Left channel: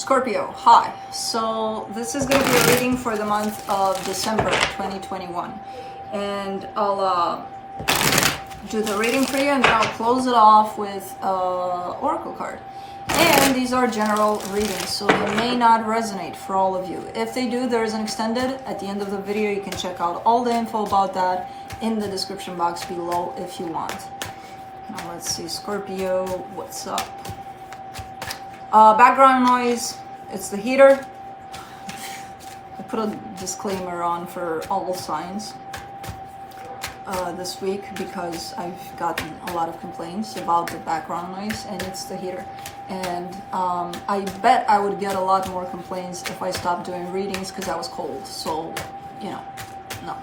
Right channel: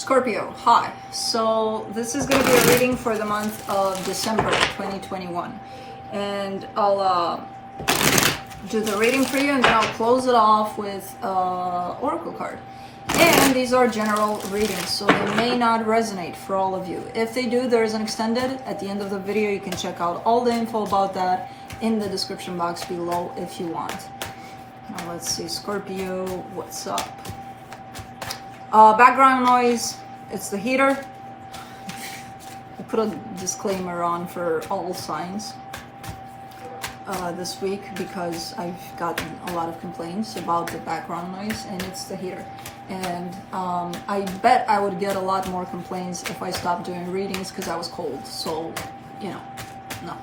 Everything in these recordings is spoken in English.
Scorpio, hi. So this is going to be a reading for the month of December 2021. And I'll do the reading for you and then I'll close it off with oracle card. And these are general readings, so they may not resonate for all of you. If they do, there is an extended at the end of the video. You can check out all the info about that in the description box below if you want. Now let's see, Scorpio, what's up? Background noise, it's the heater. I put a disclaimer on for all signs this week because I've gotten a lot of complaints about the background noise, and it's the heater. And I bet I would get a lot more complaints if I stopped doing readings because I was cold. So, you know, no,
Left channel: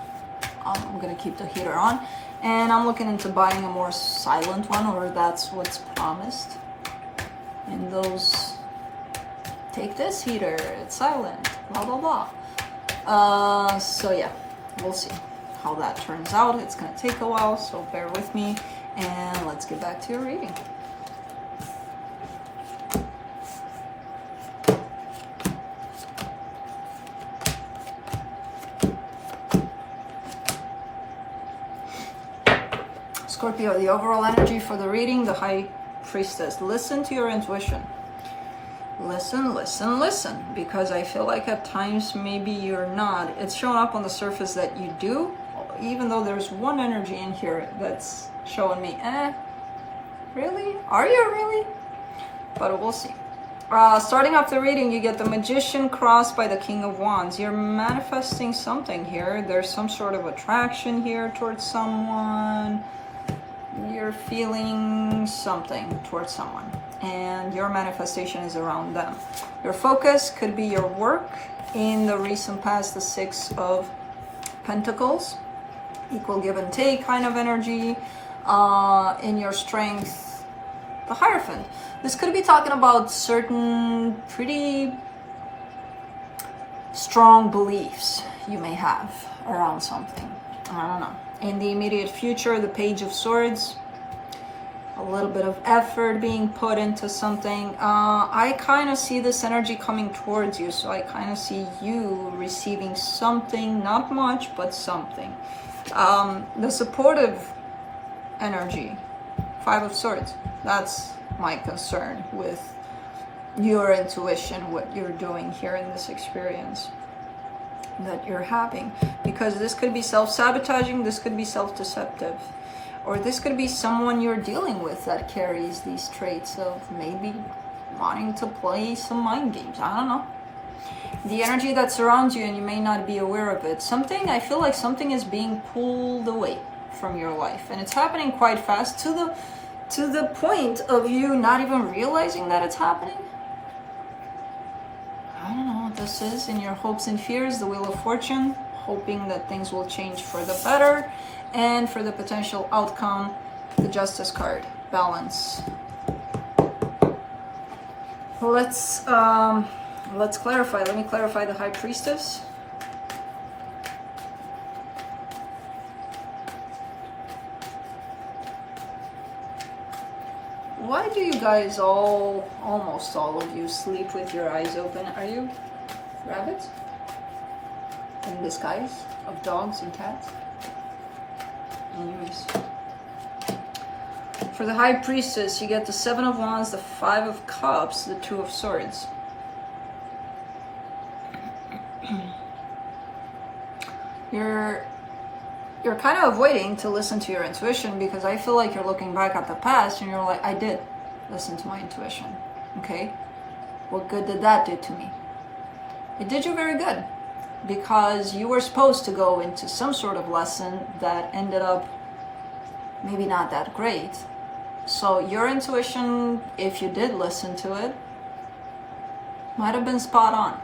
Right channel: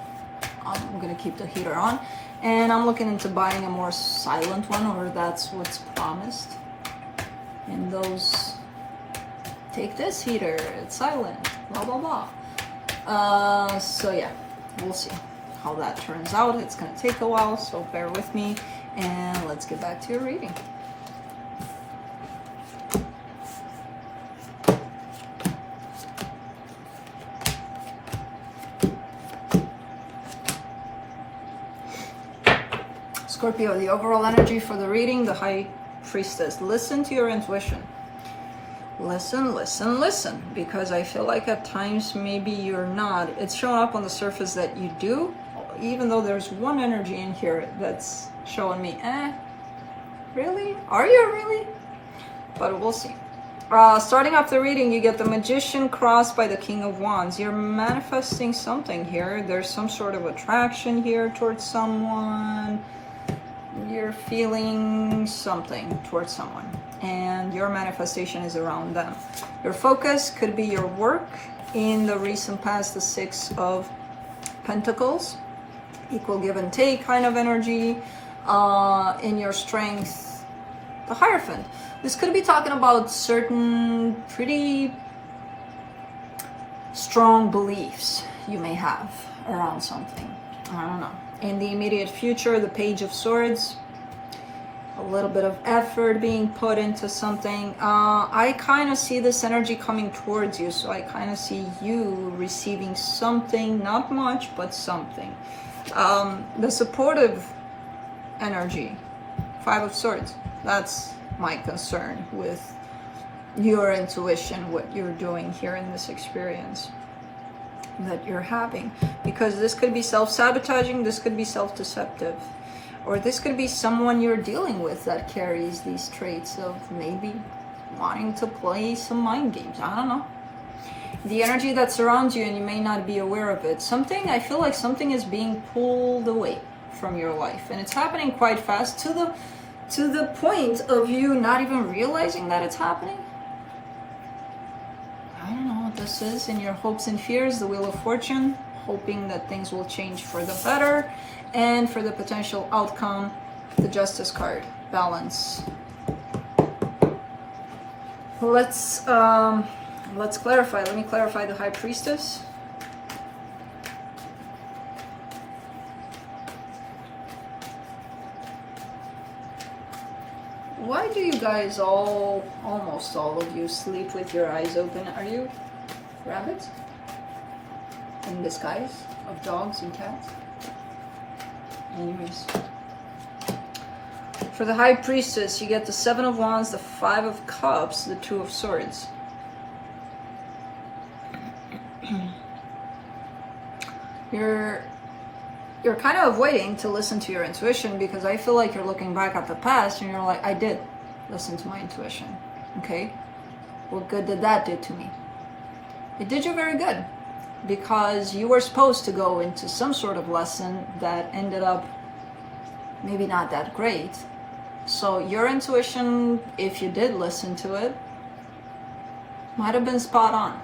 I'm gonna keep the heater on. And I'm looking into buying a more silent one, or that's what's promised. And those, take this heater, it's silent, blah, blah, blah. So yeah, we'll see how that turns out. It's gonna take a while, so bear with me. And let's get back to your reading. Scorpio, the overall energy for the reading, the High Priestess. Listen to your intuition. Listen, listen, listen. Because I feel like at times maybe you're not. It's showing up on the surface that you do, even though there's one energy in here that's showing me, really? Are you really? But we'll see. Starting off the reading, you get the Magician crossed by the King of Wands. You're manifesting something here. There's some sort of attraction here towards someone. You're feeling something towards someone, and your manifestation is around them. Your focus could be your work in the recent past, the Six of Pentacles, equal give and take kind of energy. In your strength, the Hierophant. This could be talking about certain pretty strong beliefs you may have around something. I don't know. In the immediate future, the Page of Swords, a little bit of effort being put into something. I kind of see this energy coming towards you, so I kind of see you receiving something, not much, but something. The supportive energy, Five of Swords, that's my concern with your intuition, what you're doing here in this experience that you're having, because this could be self-sabotaging, this could be self-deceptive, or this could be someone you're dealing with that carries these traits of maybe wanting to play some mind games. I don't know. The energy that surrounds you, and you may not be aware of it. I feel like something is being pulled away from your life, and it's happening quite fast to the point of you not even realizing that it's happening. I don't know what this is. In your hopes and fears, the Wheel of Fortune, hoping that things will change for the better, and for the potential outcome, the Justice card, balance. Let's clarify. Let me clarify the High Priestess. Why do you guys almost all of you, sleep with your eyes open? Are you rabbits? In disguise of dogs and cats? Anyways. For the High Priestess, you get the Seven of Wands, the Five of Cups, the Two of Swords. You're kind of avoiding to listen to your intuition, because I feel like you're looking back at the past and you're like, I did listen to my intuition. Okay, what good did that do to me? It did you very good, because you were supposed to go into some sort of lesson that ended up maybe not that great. So your intuition, if you did listen to it, might have been spot on.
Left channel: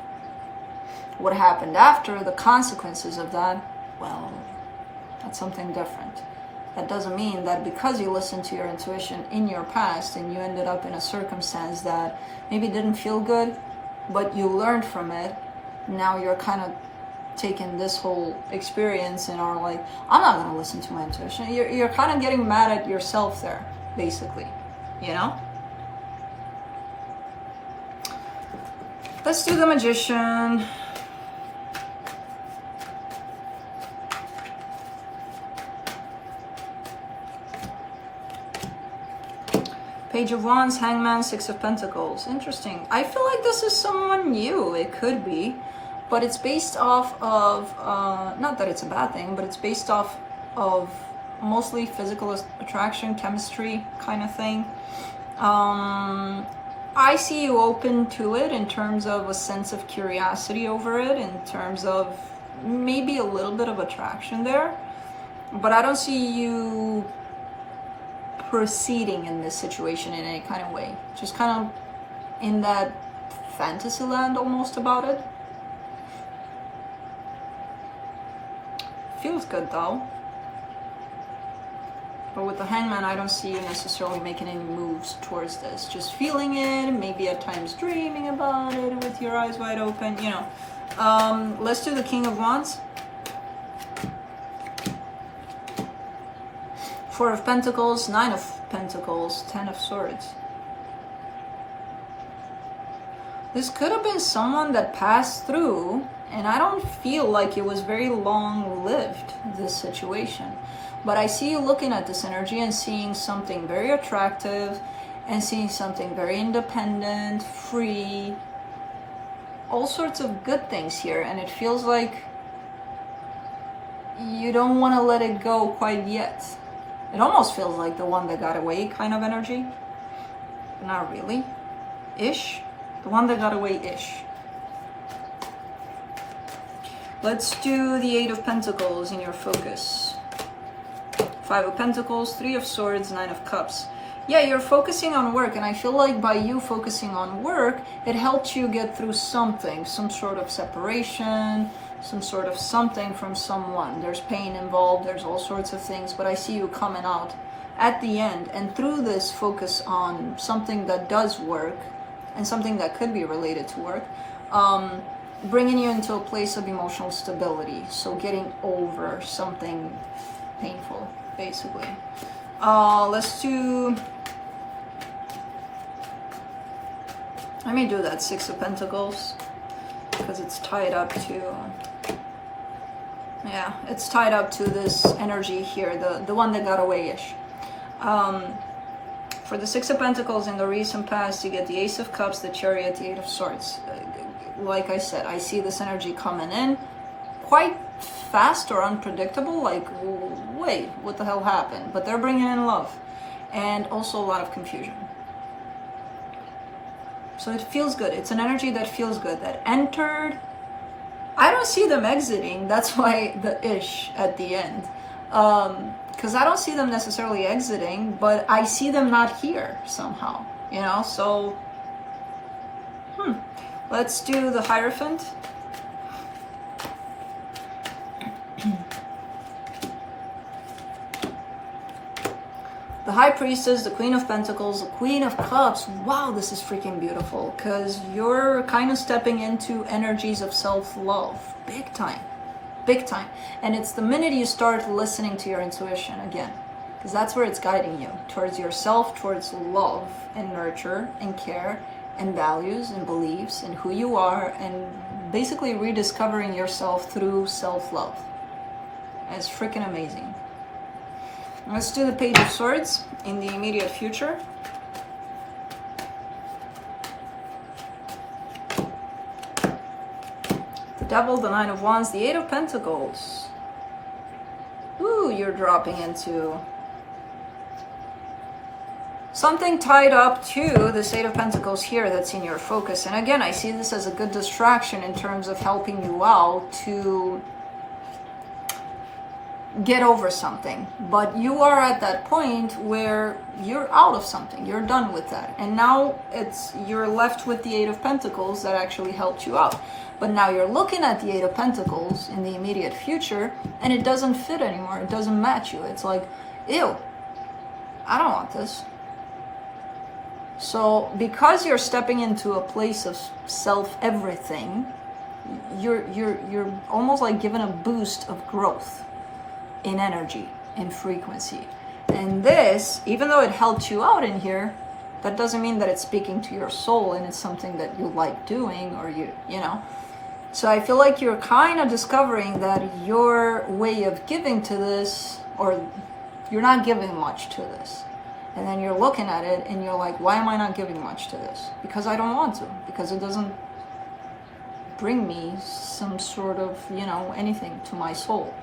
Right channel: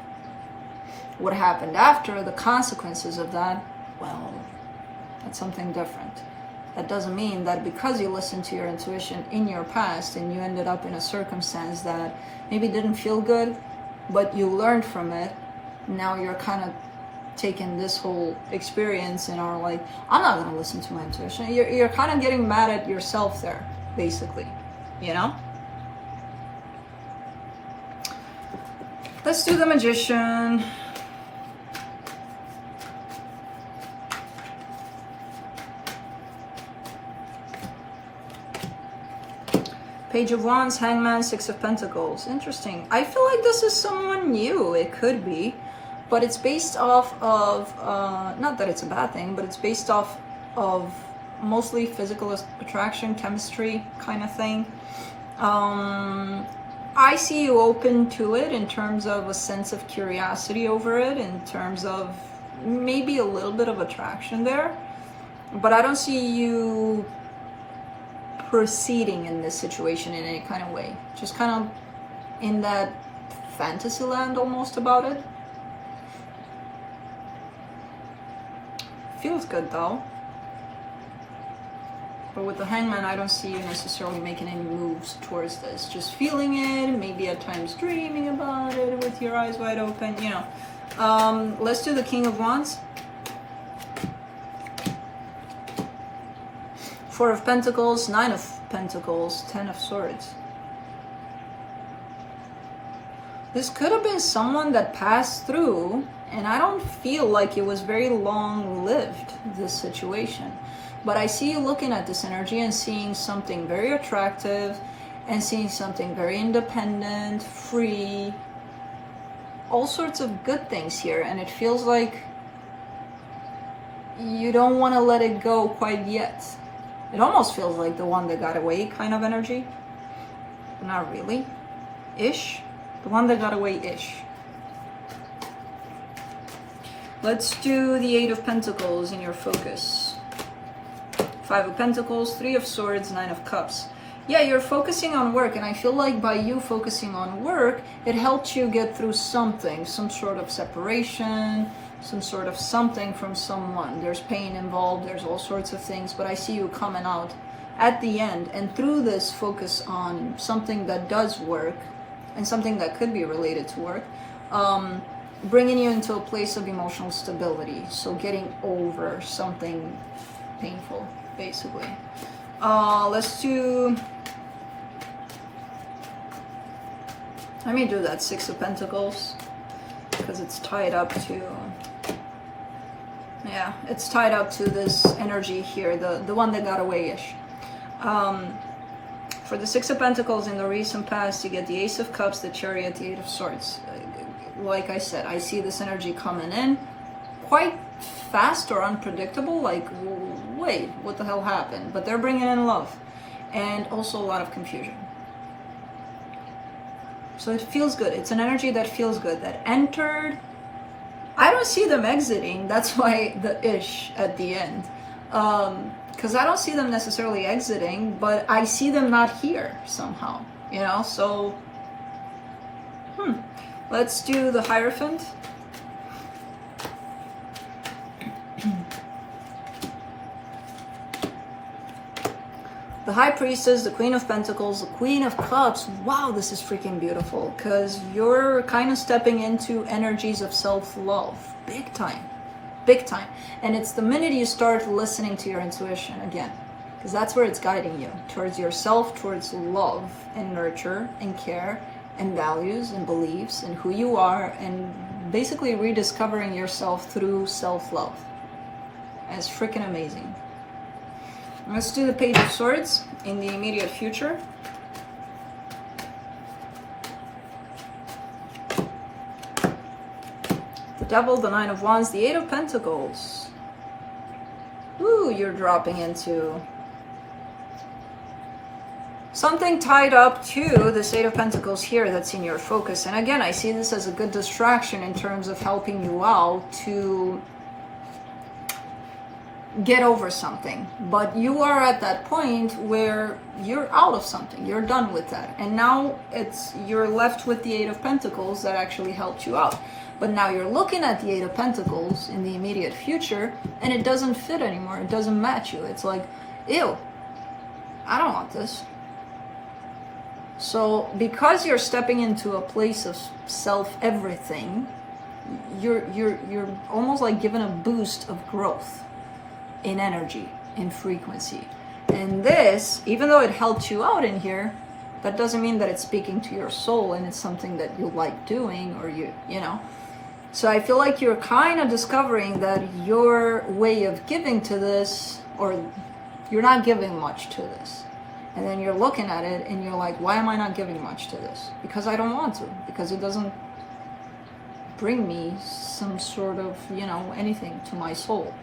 What happened after, the consequences of that, well, that's something different. That doesn't mean that because you listened to your intuition in your past and you ended up in a circumstance that maybe didn't feel good, but you learned from it, now you're kind of taking this whole experience and are like, I'm not going to listen to my intuition. You're kind of getting mad at yourself there, basically, you know? Let's do the Magician. Page of Wands, Hangman, Six of Pentacles. Interesting. I feel like this is someone new. It could be. But it's based off of, not that it's a bad thing, but it's based off of mostly physical attraction, chemistry kind of thing. I see you open to it in terms of a sense of curiosity over it, in terms of maybe a little bit of attraction there. But I don't see you proceeding in this situation in any kind of way. Just kind of in that fantasy land almost about it. Feels good though. But with the Hangman, I don't see you necessarily making any moves towards this. Just feeling it, maybe at times dreaming about it with your eyes wide open, you know. Let's do the King of Wands. Four of Pentacles, Nine of Pentacles, Ten of Swords. This could have been someone that passed through, and I don't feel like it was very long-lived, this situation. But I see you looking at this energy and seeing something very attractive and seeing something very independent, free, all sorts of good things here. And it feels like you don't want to let it go quite yet. It almost feels like the one that got away kind of energy. But not really. Ish. The one that got away ish. Let's do the Eight of Pentacles in your focus. Five of Pentacles, Three of Swords, Nine of Cups. Yeah, you're focusing on work, and I feel like by you focusing on work, it helped you get through something, some sort of separation, some sort of something from someone. There's pain involved, there's all sorts of things, but I see you coming out at the end, and through this focus on something that does work, and something that could be related to work, bringing you into a place of emotional stability. So getting over something painful, basically. Let's do, let me do that Six of Pentacles, because it's tied up to, yeah, it's tied up to this energy here, the one that got away-ish. For the Six of Pentacles in the recent past, you get the Ace of Cups, the Chariot, the Eight of Swords. Like I said, I see this energy coming in quite fast or unpredictable, like, wait, what the hell happened? But they're bringing in love and also a lot of confusion. So it feels good. It's an energy that feels good, that entered. I don't see them exiting. That's why the ish at the end. Because I don't see them necessarily exiting, but I see them not here somehow, you know? So, let's do the Hierophant. The High Priestess, the Queen of Pentacles, the Queen of Cups. Wow, this is freaking beautiful, because you're kind of stepping into energies of self-love. Big time. Big time. And it's the minute you start listening to your intuition again, because that's where it's guiding you, towards yourself, towards love and nurture and care and values and beliefs and who you are, and basically rediscovering yourself through self-love. And it's freaking amazing. Let's do the Page of Swords in the immediate future. The Devil, the Nine of Wands, the Eight of Pentacles. Ooh, you're dropping into something tied up to this Eight of Pentacles here that's in your focus. And again, I see this as a good distraction in terms of helping you out to get over something. But you are at that point where you're out of something. You're done with that. And now you're left with the Eight of Pentacles that actually helped you out. But now you're looking at the Eight of Pentacles in the immediate future, and it doesn't fit anymore. It doesn't match you. It's like, ew, I don't want this. So because you're stepping into a place of self-everything, you're almost like given a boost of growth in energy, in frequency. And this, even though it helped you out in here, That doesn't mean that it's speaking to your soul and it's something that you like doing, or you know. So I feel like you're kind of discovering that your way of giving to this, or you're not giving much to this. And then you're looking at it and you're like, why am I not giving much to this? Because I don't want to, because it doesn't bring me some sort of, you know, anything to my soul.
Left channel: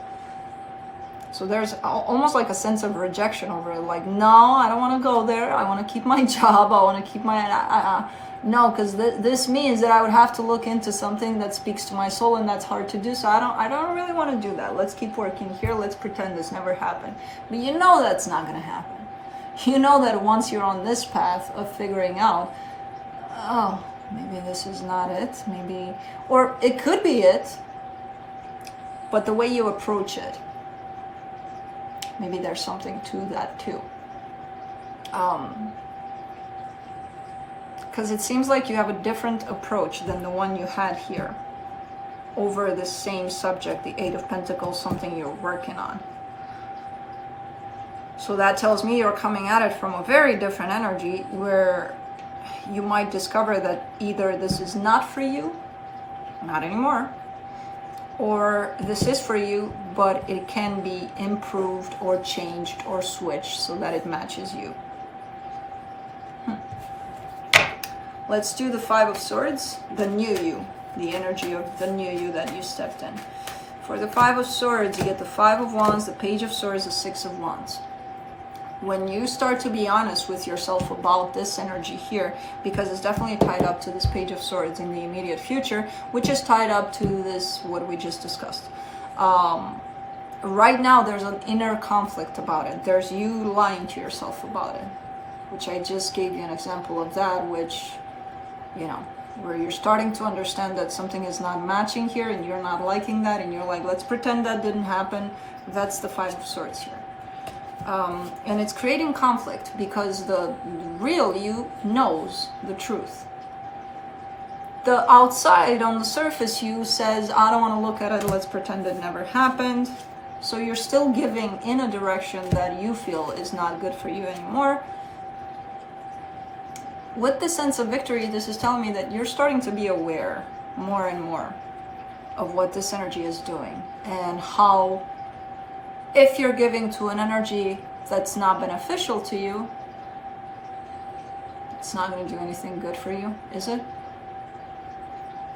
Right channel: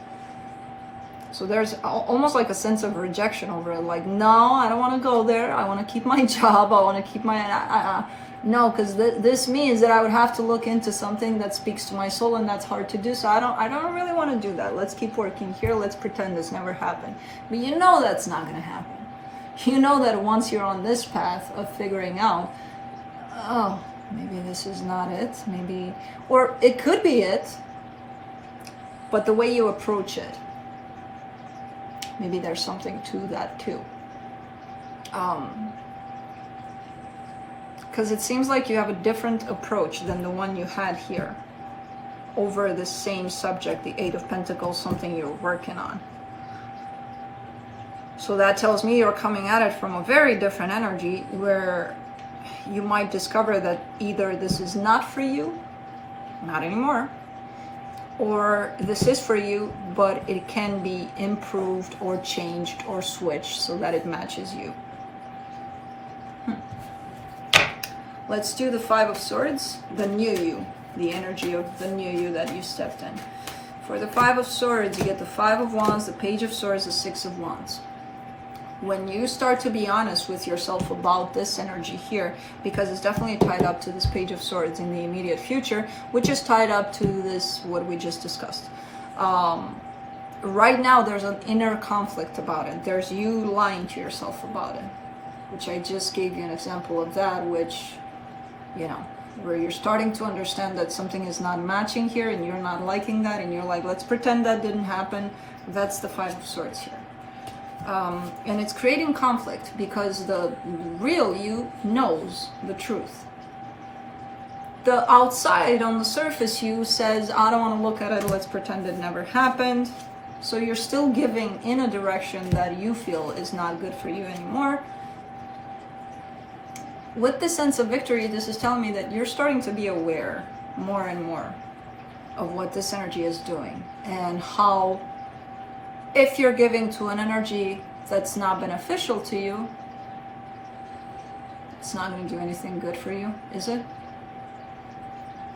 So there's almost like a sense of rejection over it. Like, no, I don't want to go there. I want to keep my job. I want to keep my, no, because this means that I would have to look into something that speaks to my soul, and that's hard to do. So I don't really want to do that. Let's keep working here. Let's pretend this never happened. But you know that's not going to happen. You know that once you're on this path of figuring out, oh, maybe this is not it, maybe, or it could be it, but the way you approach it, maybe there's something to that too. Because it seems like you have a different approach than the one you had here over the same subject, the Eight of Pentacles, something you're working on. So that tells me you're coming at it from a very different energy, where you might discover that either this is not for you, not anymore, or this is for you, but it can be improved or changed or switched so that it matches you. Let's do the Five of Swords, the new you, the energy of the new you that you stepped in. For the Five of Swords, you get the Five of Wands, the Page of Swords, the Six of Wands. When you start to be honest with yourself about this energy here, because it's definitely tied up to this Page of Swords in the immediate future, which is tied up to this, what we just discussed. Right now, there's an inner conflict about it. There's you lying to yourself about it, which I just gave you an example of that, which, you know, where you're starting to understand that something is not matching here and you're not liking that, and you're like, let's pretend that didn't happen. That's the Five of Swords here. And it's creating conflict because the real you knows the truth. The outside, on the surface, you says, I don't want to look at it, let's pretend it never happened. So you're still giving in a direction that you feel is not good for you anymore. With this sense of victory, this is telling me that you're starting to be aware more and more of what this energy is doing, and how, if you're giving to an energy that's not beneficial to you, it's not going to do anything good for you, is it?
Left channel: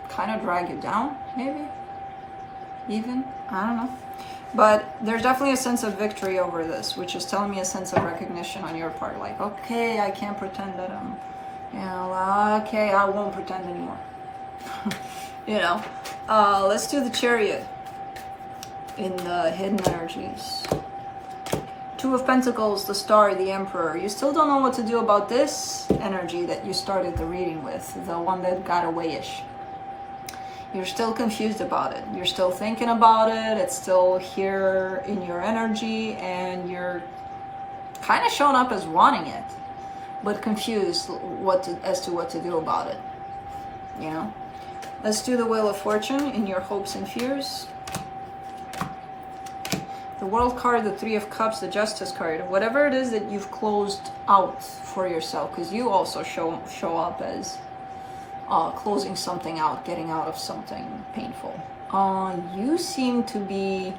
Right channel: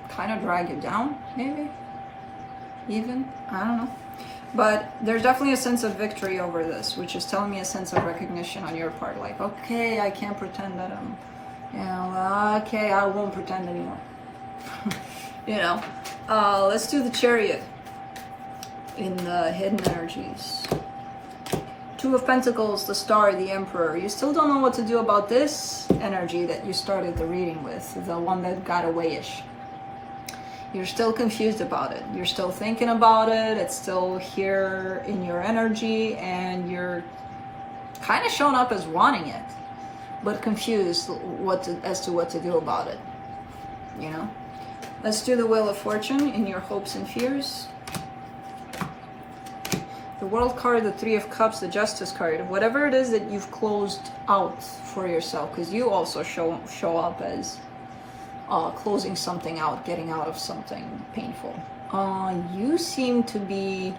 Kind of drag you down, maybe? Even? I don't know. But there's definitely a sense of victory over this, which is telling me a sense of recognition on your part. Like, okay, I can't pretend that I'm, you know, okay, I won't pretend anymore. You know, let's do the Chariot in the hidden energies. Two of Pentacles, the Star, the Emperor. You still don't know what to do about this energy that you started the reading with, the one that got away-ish. You're still confused about it. You're still thinking about it. It's still here in your energy, and you're kind of showing up as wanting it, but confused as to what to do about it. You know? Let's do the Wheel of Fortune in your hopes and fears. The World card, the Three of Cups, the Justice card. Whatever it is that you've closed out for yourself, because you also show up as closing something out, getting out of something painful. You seem to be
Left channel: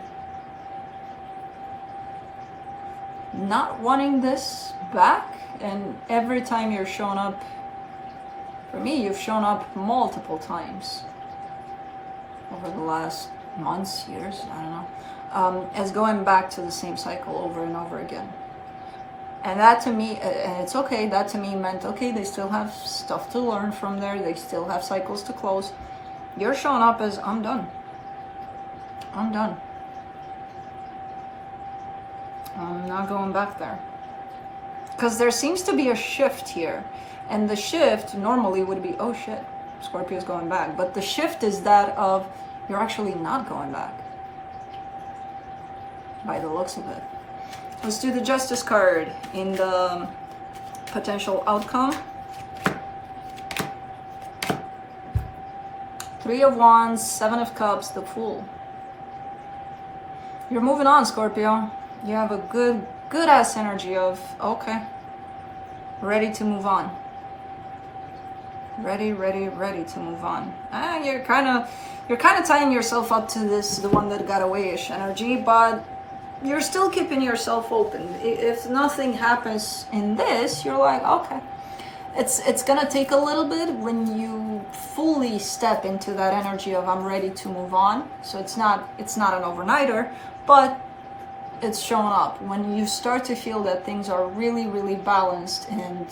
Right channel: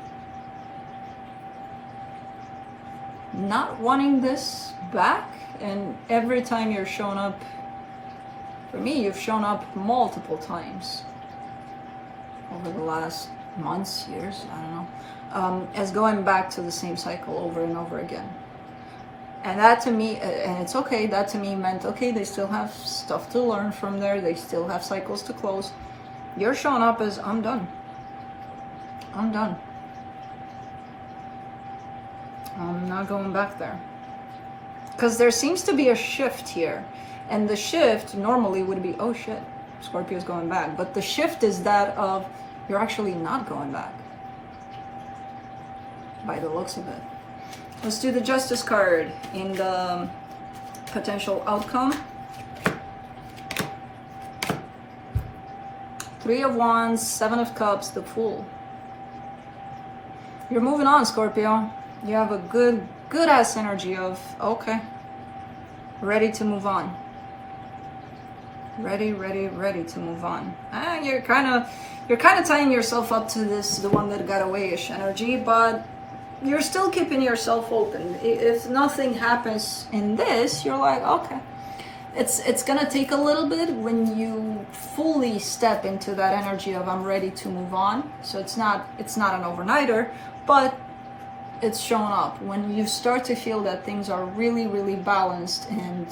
not wanting this back, and every time you're showing up, for me, you've shown up multiple times over the last months, years, I don't know, as going back to the same cycle over and over again. And that to me, and it's okay, that to me meant, okay, they still have stuff to learn from there, they still have cycles to close. You're showing up as, I'm done. I'm done. I'm not going back there. Because there seems to be a shift here. And the shift normally would be, oh shit, Scorpio's going back. But the shift is that of, you're actually not going back, by the looks of it. Let's do the Justice card in the potential outcome. Three of Wands, Seven of Cups, the Fool. You're moving on, Scorpio. You have a good ass energy of, okay, ready to move on. Ready to move on. And you're kind of tying yourself up to this, the one that got away-ish energy, but you're still keeping yourself open. If nothing happens in this, you're like, okay. It's gonna take a little bit when you fully step into that energy of I'm ready to move on. So it's not an overnighter, but it's showing up. When you start to feel that things are really balanced and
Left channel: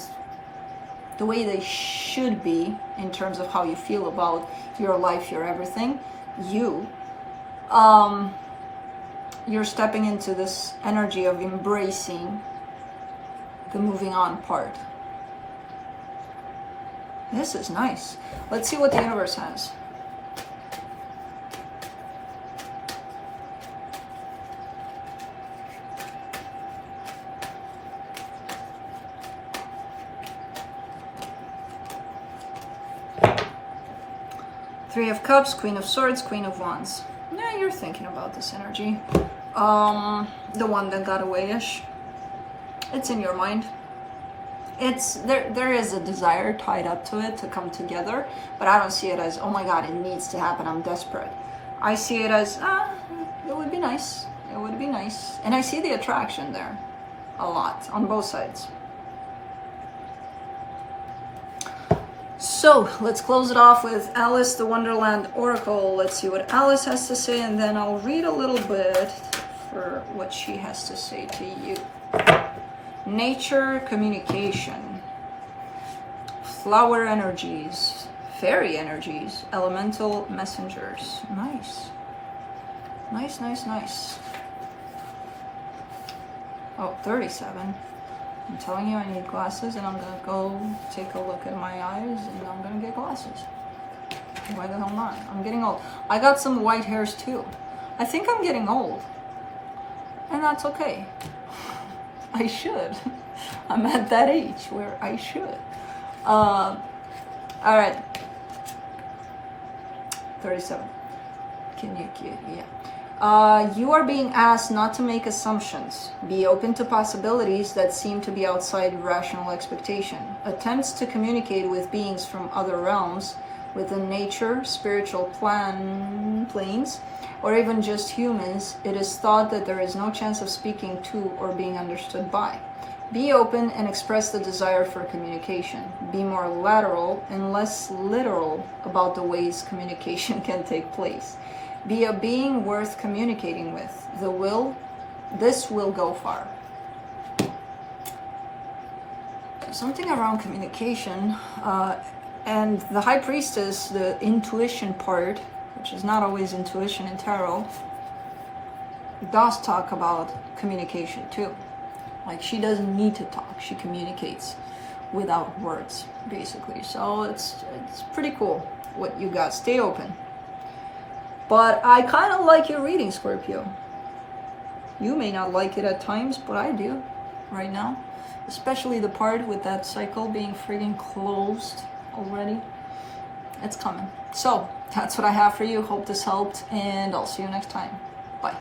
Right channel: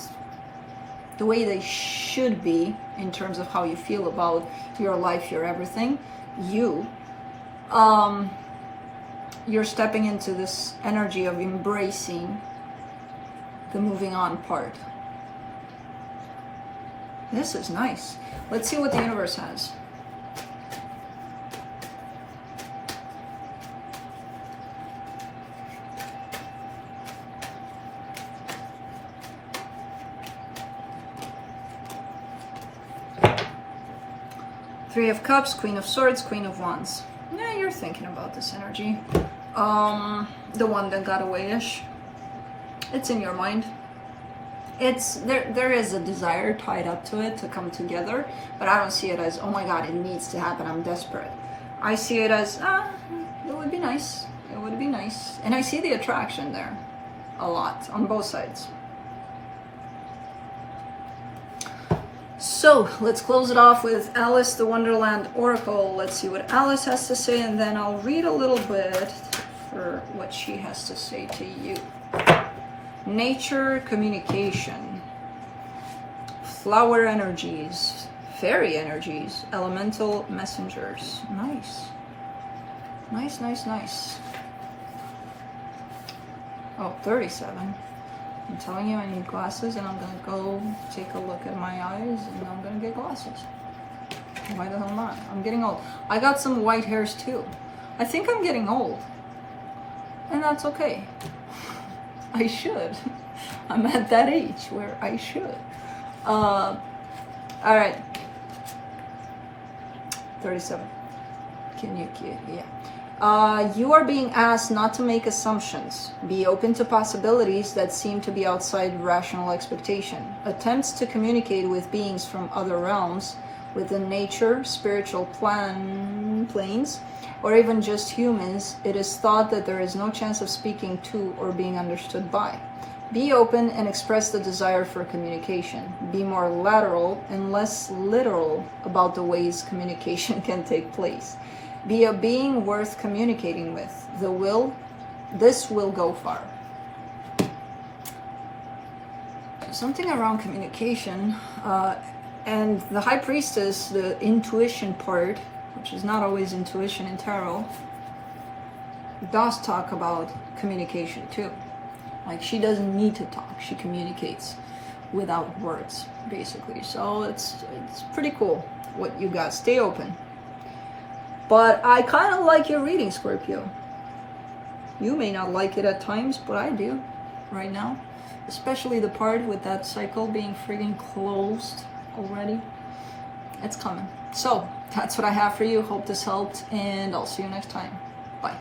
the way they should be in terms of how you feel about your life, your everything, you're stepping into this energy of embracing the moving on part. This is nice. Let's see what the universe has. Three of Cups, Queen of Swords, Queen of Wands. Yeah, you're thinking about this energy. The one that got away-ish. It's in your mind. It's there is a desire tied up to it to come together, but I don't see it as, oh my god, it needs to happen, I'm desperate. I see it as, it would be nice. It would be nice. And I see the attraction there a lot on both sides. So let's close it off with Alice, the Wonderland Oracle. Let's see what Alice has to say, and then I'll read a little bit for what she has to say to you. Nature, communication, flower energies, fairy energies, elemental messengers. Nice. Nice. Oh, 37. I'm telling you, I need glasses, and I'm gonna go take a look at my eyes, and I'm gonna get glasses. Why the hell not? I'm getting old. I got some white hairs too. I think I'm getting old. And that's okay. I should. I'm at that age where I should. All right. 37. Yeah. You are being asked not to make assumptions. Be open to possibilities that seem to be outside rational expectation. Attempts to communicate with beings from other realms, within nature, spiritual planes, or even just humans, it is thought that there is no chance of speaking to or being understood by. Be open and express the desire for communication. Be more lateral and less literal about the ways communication can take place. Be a being worth communicating with. This will go far. Something around communication, and the High Priestess, the intuition part, which is not always intuition in tarot, does talk about communication too. Like, she doesn't need to talk, she communicates without words, basically. So it's pretty cool what you got. Stay open. But I kind of like your reading, Scorpio. You may not like it at times, but I do right now. Especially the part with that cycle being friggin' closed already. It's coming. So, that's what I have for you. Hope this helped, and I'll see you next time.